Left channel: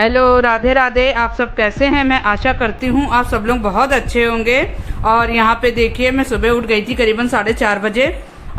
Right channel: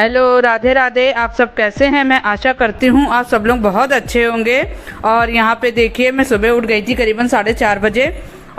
Hello, Radhe Radhe. आप सब कैसे हैं? मैं आशा करती हूँ आप सब लोग बहुत अच्छे होंगे। और यहाँ पे देखिए, मैं सुबह उठ गई थी करीबन 4:30 बजे।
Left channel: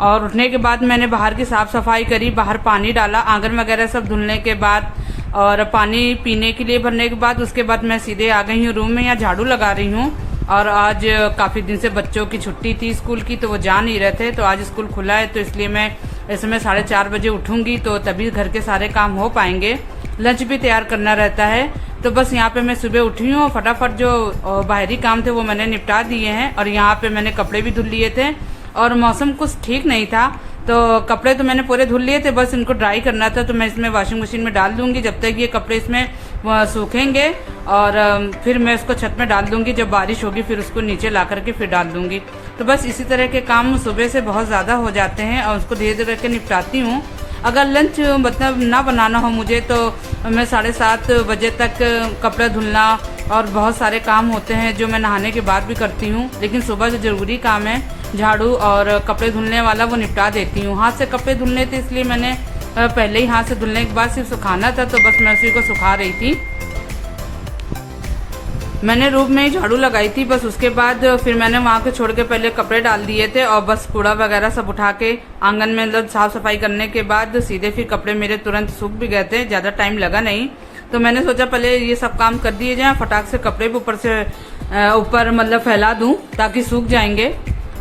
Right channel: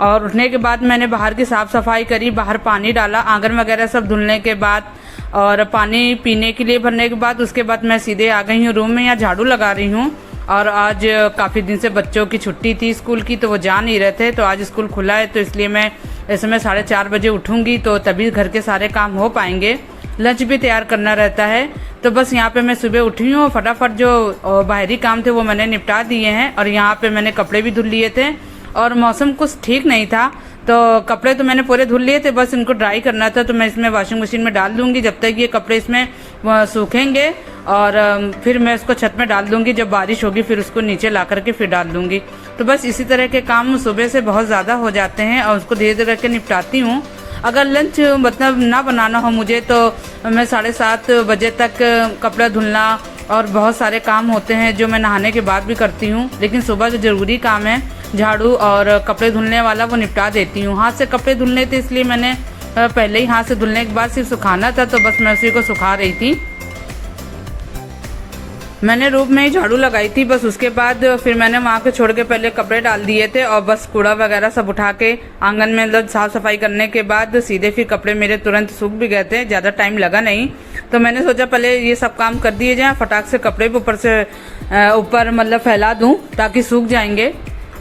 और उठने के बाद मैंने बाहर की साफ सफाई करी, बाहर पानी डाला, आंगन वगैरह सब धुलने के बाद और पानी पीने के लिए भरने के बाद उसके बाद मैं सीधे आ गई हूँ रूम में। यहाँ झाड़ू लगा रही हूँ। और आज काफी दिन से बच्चों की छुट्टी थी स्कूल की, तो वो जा नहीं रहे थे। तो आज स्कूल खुला है, तो इसलिए मैं इस समय 4:30 बजे उठूंगी, तो तभी घर के सारे काम हो पाएंगे। लंच भी तैयार करना रहता है। तो बस यहाँ पे मैं सुबह उठी हूँ, फटाफट जो बाहरी काम थे वो मैंने निपटा दिए हैं। और यहाँ पे मैंने कपड़े भी धुल लिए थे और मौसम कुछ ठीक नहीं था, तो कपड़े तो मैंने पूरे धुल लिए थे, बस इनको ड्राई करना था। तो मैं इसमें वॉशिंग मशीन में डाल दूंगी जब तक ये कपड़े इसमें सूखेंगे। और फिर मैं उसको छत में डाल दूंगी, जब बारिश होगी फिर उसको नीचे ला करके फिर डाल दूंगी। तो बस इसी तरह के काम सुबह से बहुत ज्यादा हो जाते हैं और उसको धीरे धीरे करके निपटाती हूँ। अगर लंच मतलब ना बनाना हो मुझे, तो मैं 7:30 बजे तक कपड़ा धुलना और बहुत सारे काम होते हैं जो मैं नहाने के बाद भी करती हूँ। लेकिन सुबह जो जरूरी काम है झाड़ू और कपड़े धुलने वाला, वो निपटा देती हूँ। हाथ से कपड़े धुलने थे, इसलिए मैंने पहले ही हाथ से धुलने के बाद सिर्फ सुखाना था, तो बस मैं उसी को सुखा रही थी। मैंने रूम में ही झाड़ू लगाई थी, बस उसके बाद फिर मैंने वहां के छोड़ के पहले कपड़े डाल दिए थे और बस कूड़ा वगैरह सब उठा के आंगन में मतलब साफ सफाई करने के बाद सीधे फिर कपड़े मेरे तुरंत सूख भी गए थे, ज्यादा टाइम लगा नहीं। तो मैंने सोचा पहले ये सब काम कर दिए जाए, फटाक से कपड़े भी ऊपर मतलब फैला दूं ताकि सूख जाएंगे।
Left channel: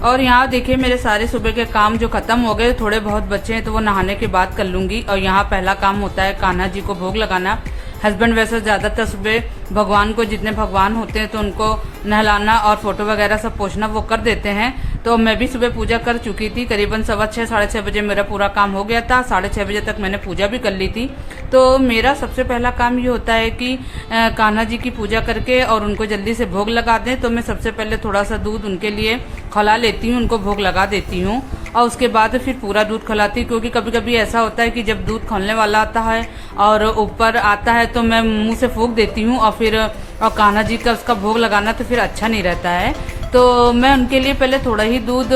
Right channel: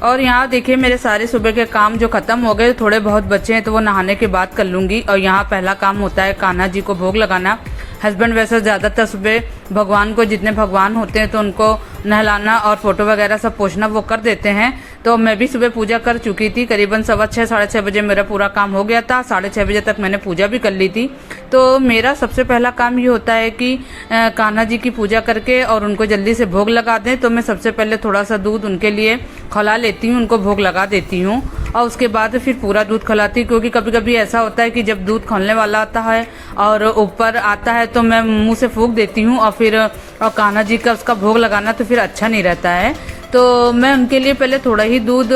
और यहाँ देखिए मेरे सारे सुबह के काम जो खत्म हो गए, थोड़े बहुत बचे हैं तो वो नहाने के बाद कर लूंगी। और यहाँ पहला काम होता है कान्हा जी को भोग लगाना। हस्बैंड वैसे ज्यादातर सुबह भगवान को, जितने भगवान होते हैं तो उनको नहलाना और फोटो वगैरह सब पोछना वो कर देते हैं। तो मैं भी सुबह पूजा कर चुकी थी, करीबन 6:15 6:30 बजे मेरा पूरा काम हो गया था। 6:30 बजे तक मैंने पूजा भी कर ली थी। तो मेरा सबसे पहला काम ये होता है कि कान्हा जी की पूजा करके और उनको जल्दी से भोग लगा दें। तो मैं सबसे पहले थोड़ा सा दूध उनके लिए खौला लेती हूँ, उनको भोग लगा देती हूँ और उसके बाद फिर पूरा दूध खौलाती हूँ। क्योंकि कभी कभी ऐसा होता है कि जब दूध खौलने वाला आता है और ऊपर आता है तो मैं मुंह से फूंक देती हूँ और फिर कान्हा जी का उसका भोग लगाना तो फिर अच्छा नहीं रहता है। तो मैं उनके लिए पहले थोड़ा ही दूध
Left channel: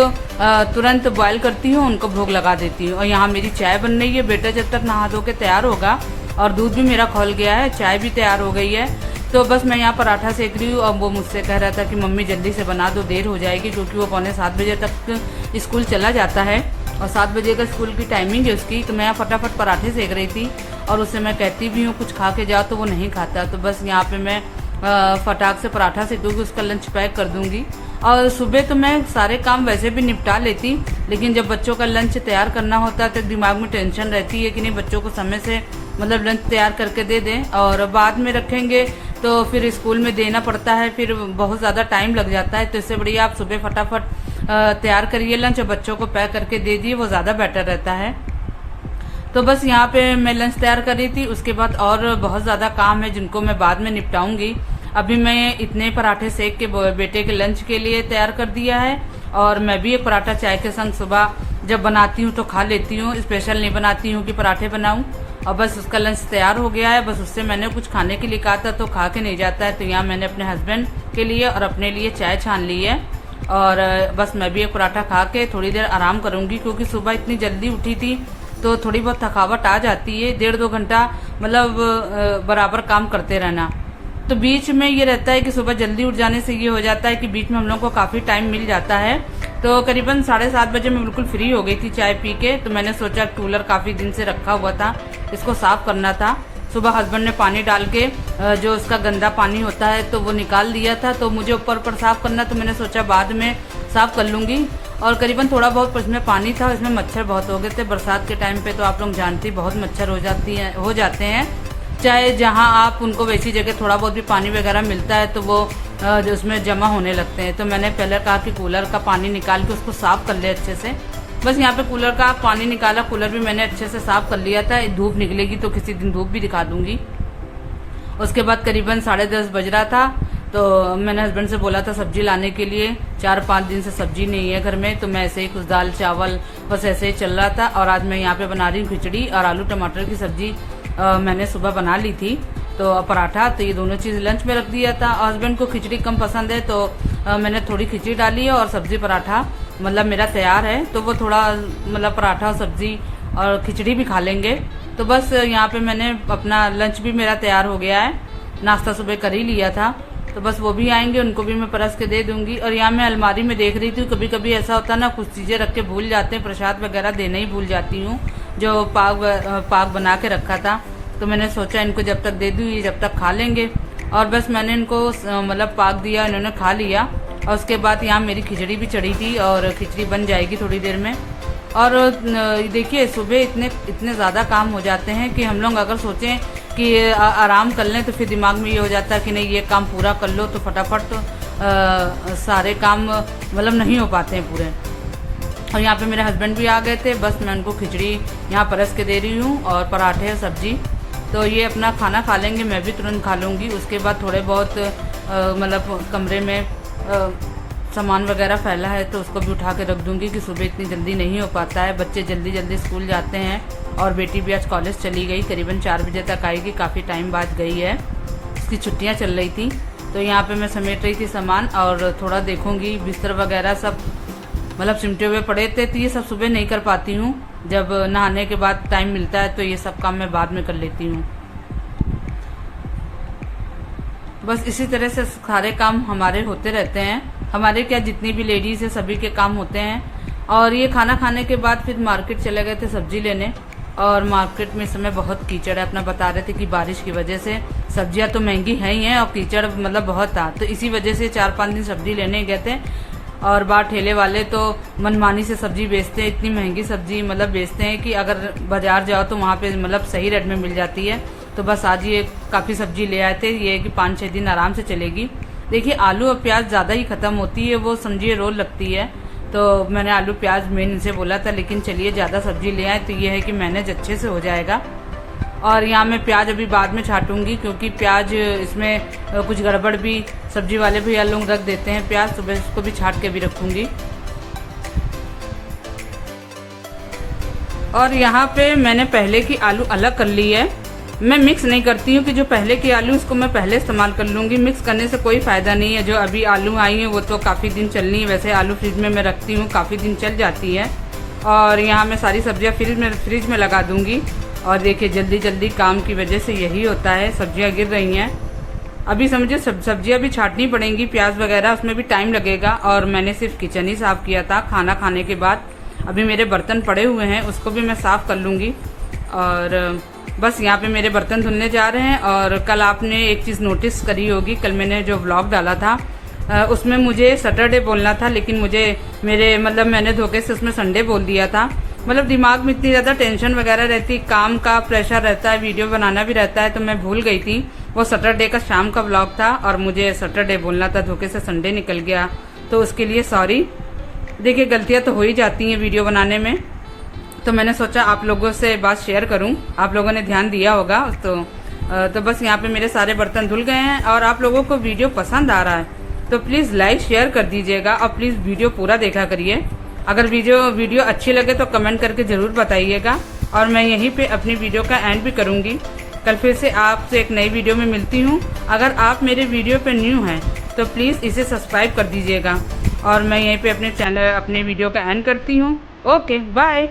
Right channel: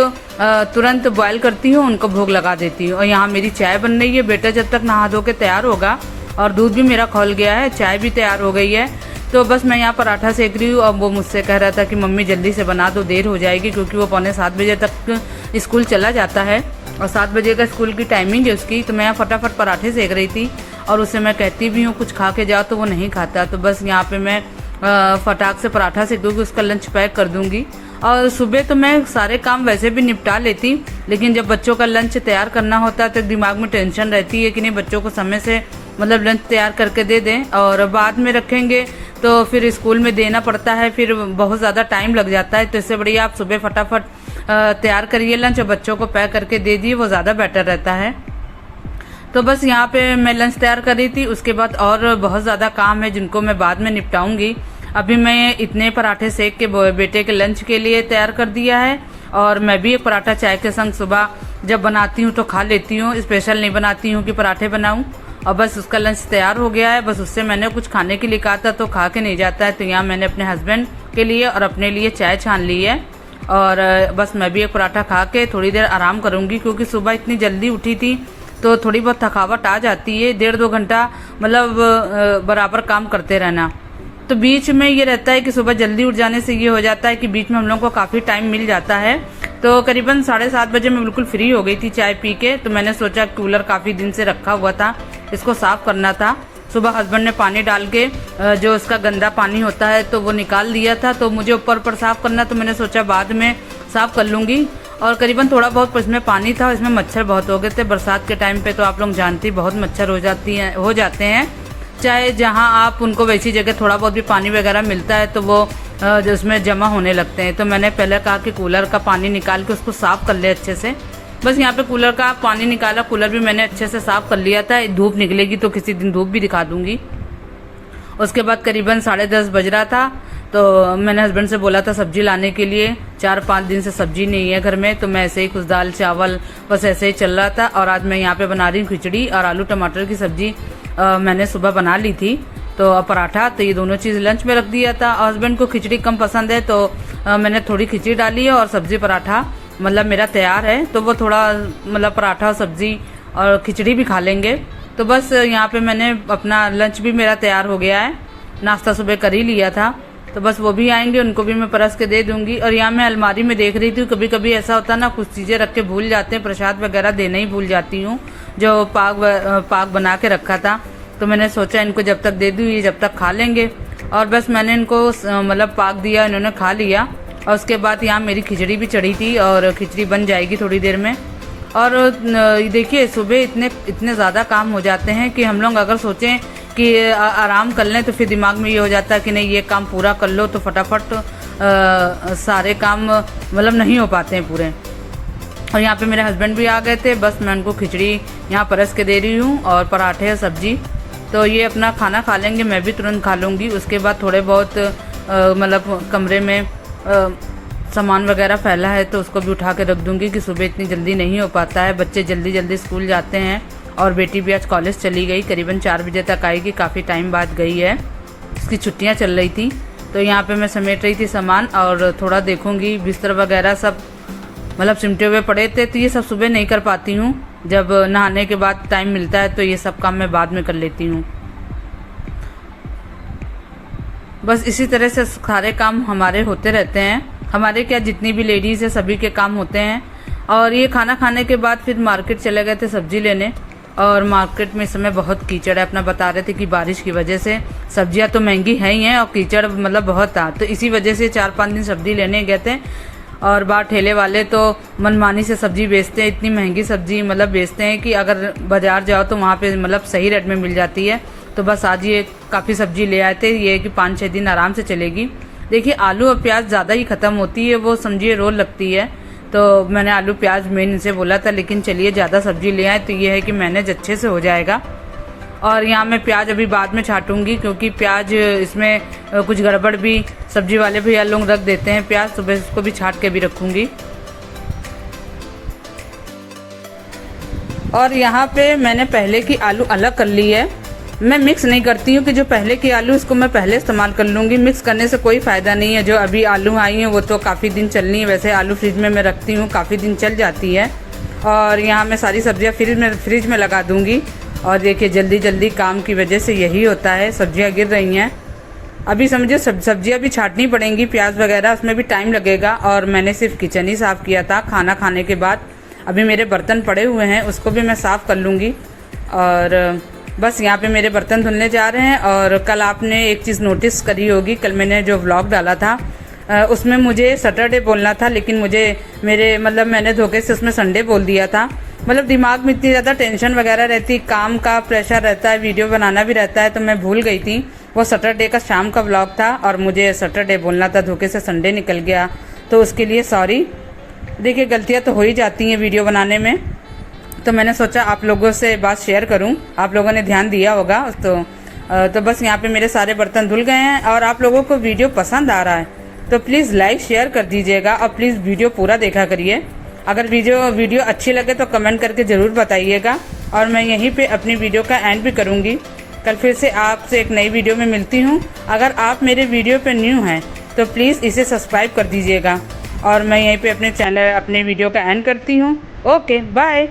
तुरंत बॉयल करती हूँ, उनको भोग लगा देती हूँ। और यहाँ मेरी चाय बन रही है, बेटा जब तक नहा धो के तैयार होगा और दूध भी मेरा खौल गया है, चाय भी तैयार हो गई है। तो बस मैं यहाँ पराठा सेक रही हूँ और वो मुझसे कह रहा था कि मम्मी जल्दी से बना दो, देर हो जाएगी, क्योंकि वो 6:45 बजे तक स्कूल चला जाता है और 7 बजे का स्कूल की टाइमिंग है उसकी। तो मैं यहाँ फटाफट पराठे सेक रही थी और उससे मैं कहती भी हूँ कुछ खा के जाओ, तो वो नहीं खाता। तो बस यहाँ पे मैं फटाक से पराठा सेक दूंगी, उसका लंच पैक कर दूंगी। और सुबह तो मैं सारे काम वैसे भी निपटा लेती, लेकिन जब बच्चों का लंच तैयार करना होता है तो दिमाग में टेंशन रहती है कि नहीं बच्चों को समय से मतलब लंच तैयार करके दे दें, और बाद में रखेंगे तो फिर स्कूल में देना पड़ता है, फिर बहुत ज्यादा टाइम लग जाता है। तो इससे बढ़िया आप सुबह फटाफट तैयार करिए लंच और बच्चों को पैक करके दे दिए, वो ज्यादा बेटर रहता है। तो बस यहाँ पे मैं लंच तैयार कर रही थी। उसके बाद और बहुत ज्यादा काम है जिनको मैं बाद में निपटाऊंगी। अभी मैं इतने पराठे सेक के बेटे के लंच के लिए तैयार कर दिया है और मैं भी एक पराठा चाय के संग सुबह जब बनाती हूँ तो खा लेती हूँ, स्पेशल नहीं बनाती हूँ कि पराठे बनाऊं। और बस उसका लंच तैयार हो गया है, बस उससे मैंने कुछ खाने के लिए कहा था तो खा के नहीं जाता है। तो यहाँ मैंने अपने हस्बैंड के लिए और अपने लिए चाय छान ली है और बस मैं भी एक पराठा खा के थोड़ी देर आराम करूंगी, क्योंकि सुबह इतनी जल्दी उठी थी तो थोड़ी बहुत थकावट आ जाती है। 1.5-2 घंटा मतलब बराबर काम करते रहना, तो बीच में ये रहता है कि सुबह जल्दी उठ जाने से ये हो जाता है कि बीच में हम लोग को काफी टाइम मिल जाता है। तो करीबन 7:30 बजे मैं बिल्कुल फ्री हो गई थी चाय पी के। तो मैंने सोचा कूलर काफी दिन से रखा हुआ था, इसको साफ करना था। सुबह हस्बैंड ने पानी डाल के जो उसका गंदा पानी होता है तो वो निकाल दिया था, तो मुझे ऊपर साफ करना, तो मैंने सोचा बाद में साफ कर लूंगी। और करीबन थोड़ा बहुत इसमें पानी था, इसमें मच्छर बहुत हो गए थे। बरसात के टाइम पे तो आप लोग जानती बहुत मच्छर हो जाते हैं, चाहे जहां आप उनको वैसी जगह थोड़ा बहुत भी पानी वगैरह मिलता है तो वो उसमें जमा होने लगते हैं। तो मैंने पहले कहा कि कूलर का पानी निकाल के उसको साफ कर ले अच्छे से। बस यहाँ पे कूलर का पानी निकाला, कूलर भी मैंने अच्छे से साफ कर लिया था। धूप निकलेगी तो किसी दिन धूप भी दिखा दूंगी। उसके बाद करीबन 10:30 बज रहा था, तो मैंने हस्बैंड से बोला था सब्जी लाने के लिए। 4-5 दिन से सब्जी नहीं है घर में, तो मैं ऐसे ही कुछ दाल चावल बस ऐसे ही चल रहा था। और आज मैं यहाँ पे बना रही हूँ खिचड़ी और आलू टमाटर की सब्जी मैंने सुबह बना ली थी। तो पराठा, तो ये दोनों चीज लंच में रख दिया था। हस्बैंड को खिचड़ी कम पसंद है तो मैंने थोड़ी खिचड़ी डाली है और सब्जी पराठा मतलब मेरा तैयार है। तो वो थोड़ा मतलब पराठा सब्जी और खिचड़ी भी खा लेंगे। तो बस यहाँ पे मैंने अपना लंच भी मेरा तैयार हो गया है, नाश्ता सुबह कर ही लिया था। तो बस वो भी आएंगे, उनको भी मैं परस के दे दूंगी। और यहाँ मैं अलमारी में देख रही थी, कभी कभी ऐसा होता ना, कुछ चीज़ें रख के भूल जाते हैं, प्रसाद वगैरह देना ही भूल जाती हूँ, जो पाक बना के रखा था। तो मैंने सोचा इनको जब तक दे दूँ, ये जब तक खा लेंगे। और बस मैंने इनको मतलब पाक दिया, इन्होंने खा लिया। और उसके बाद यहाँ मेरी खिचड़ी भी चढ़ी थी और खिचड़ी बन जाएगी थोड़ी देर में। और देखिए सुबह इतने ज़्यादा काम हो जाते हैं कि हम लोग अगर सोचें कि आराम कर लें तो फिर दिमाग में ये हो जाता है कि नहीं ये काम पूरा कर लो, तो फटाफट सारे काम मतलब नहीं हो पाते हैं पूरे। और यहाँ पे मेरे हस्बैंड भी आ गए थे, बस मैं उनको खिचड़ी यहाँ परस के दे रही हूँ और पराठे और सब्जी। तो ये अपना खाना खा लेंगे, मैं भी तुरंत खा लूँगी। उसके बाद थोड़े बहुत मतलब कमरे में सामान वगैरह फैला है तो उसको भी उठा के रख दूंगी कि सुबह इतनी जल्दी नहीं हो पाता है, बच्चे जल्दी जल्दी स्कूल जाते हैं। और बेटी भी आज कॉलेज चली गई, करीबन 4 बजे तक आएगी, काफ़ी टाइम बाद गई है, उसकी छुट्टियां चल रही थी। तो यहाँ पे मैं समेट रही थी सामान और थोड़ा देखूंगी, बिस्तर वगैरह सब मतलब सिमटे हुए पड़े थे, तो ये सब सुबह नहीं कर पाती हूँ। जब नहाने के बाद टाइम मिलता है तो ये सब काम मैं बाद में कर लेती हूँ। बस इसी तरह से सारे काम हमारे होते रहते हैं, हमारे क्या जितनी भी लेडीज है सभी के काम होते हैं। और ये खाना खाने के बाद फिर मार्केट चले गए थे सब्जी लेने, और मार्केट में इस समय बहुत कीचड़ है। अपना बता रहे थे कि बारिश की वजह से सब्जियां तो महंगी है ही हैं और कीचड़ मतलब बहुत था, तो इसी वजह से 4-5 दिन सब्जी लेने गए थे। और बाहर ठेले वाले तो मनमानी से सब्जी बेचते हैं, इतनी महंगी सब्जी मतलब बेचते हैं कि अगर बाजार जाओ तो वहाँ पे मतलब सही रेट में मिल जाती है। तो बस आज ये काफ़ी सब्जी ले आए थे, ये कि 5-6 दिन आराम से चलेगी। देखिए आलू और प्याज ज़्यादा ही ख़त्म होती है, वो समझिए रोल लगती है। तो मैंने आलू प्याज मेन इनसे बोला था, लेकिन चलिए ज़्यादा सब्जी ले आए तो ये है कि मैनेज अच्छे से हो जाएगा। और यहाँ मैं प्याज अभी बाद में छाटूंगी, क्योंकि प्याज इसमें कुछ गड़बड़ भी सब्जी वाले भैया लोग रख देते हैं प्याज, सुबह उसको भी छाट के भी रखूंगी। और यहाँ पे मैंने पहले की आलू अलग कर ली है, मैं मिक्स नहीं करती हूँ कि जो पहले की आलू इसको मैं पहले इस्तेमाल कर लूँगी। मिक्स करने से कोई फ़ायदा नहीं है। जो अभी आलू आई हैं वो तो काफ़ी दिन चलनी है, वैसे आलू फ्रिज में मैं रखती हूँ, काफ़ी दिन चल जाती है। और यहाँ मैं सारी सब्जियाँ फ्रिज में लगा दूँगी। और देखिए जल्दी जल्दी काम की वजह से यही होता है, सब्जियाँ गिर रही हैं। अभी समझिए सब्जियाँ भी छाटनी पड़ेंगी, प्याज वगैरह, उसमें भी टाइम लगेगा। और मैंने सिर्फ किचन ही साफ़ किया था खाना खाने के बाद। अभी मेरे बर्तन पड़े हुए हैं, उसको भी मैं साफ़ कर लूँगी। और बस यहाँ पे मेरे बर्तन धुलने जा रहे हैं। और कल आपने एक चीज़ नोटिस करी होगी, कल मैंने जो व्लॉग डाला था उसमें मुझे सैटरडे बोलना था, लेकिन मैंने धोखे से उसमें संडे बोल दिया था। मतलब दिमाग में इतनी ज़्यादा टेंशन वगैरह रहती, काम का प्रेशर रहता है, वीडियो बनाना भी रहता है, तो मैं भूल गई थी। वो सैटरडे का शाम का व्लॉग था और मुझे सैटरडे बोलना था, धोखे से संडे निकल गया, तो उसके लिए सॉरी। देखिए गलतियाँ तो हो ही जाती हैं वीडियो बनाने में, तो मैंने सोचा आप लोगों से बात शेयर करूं, आप लोगों ने ध्यान दिया होगा। तो बस यहाँ पे मेरे सारे बर्तन धुल गए हैं। और आप लोगों को वीडियो पसंद आ रहा है तो प्लीज़ लाइक शेयर कर दीजिएगा और प्लीज़ वीडियो पूरा देखा करिए। अगर वीडियो अच्छी लगे तो कमेंट करके ज़रूर बताइएगा। और मैं यहीं पे अपनी वीडियो का एंड भी करूँगी। कल फिर से आपसे एक नई वीडियो में मिलती हूँ। अगर आप मेरे वीडियो पे न्यू हैं तो प्लीज़ इसे सब्सक्राइब कर दीजिएगा। और मैं यहीं पे अपने वीडियो का एंड करती हूँ। Okay bye.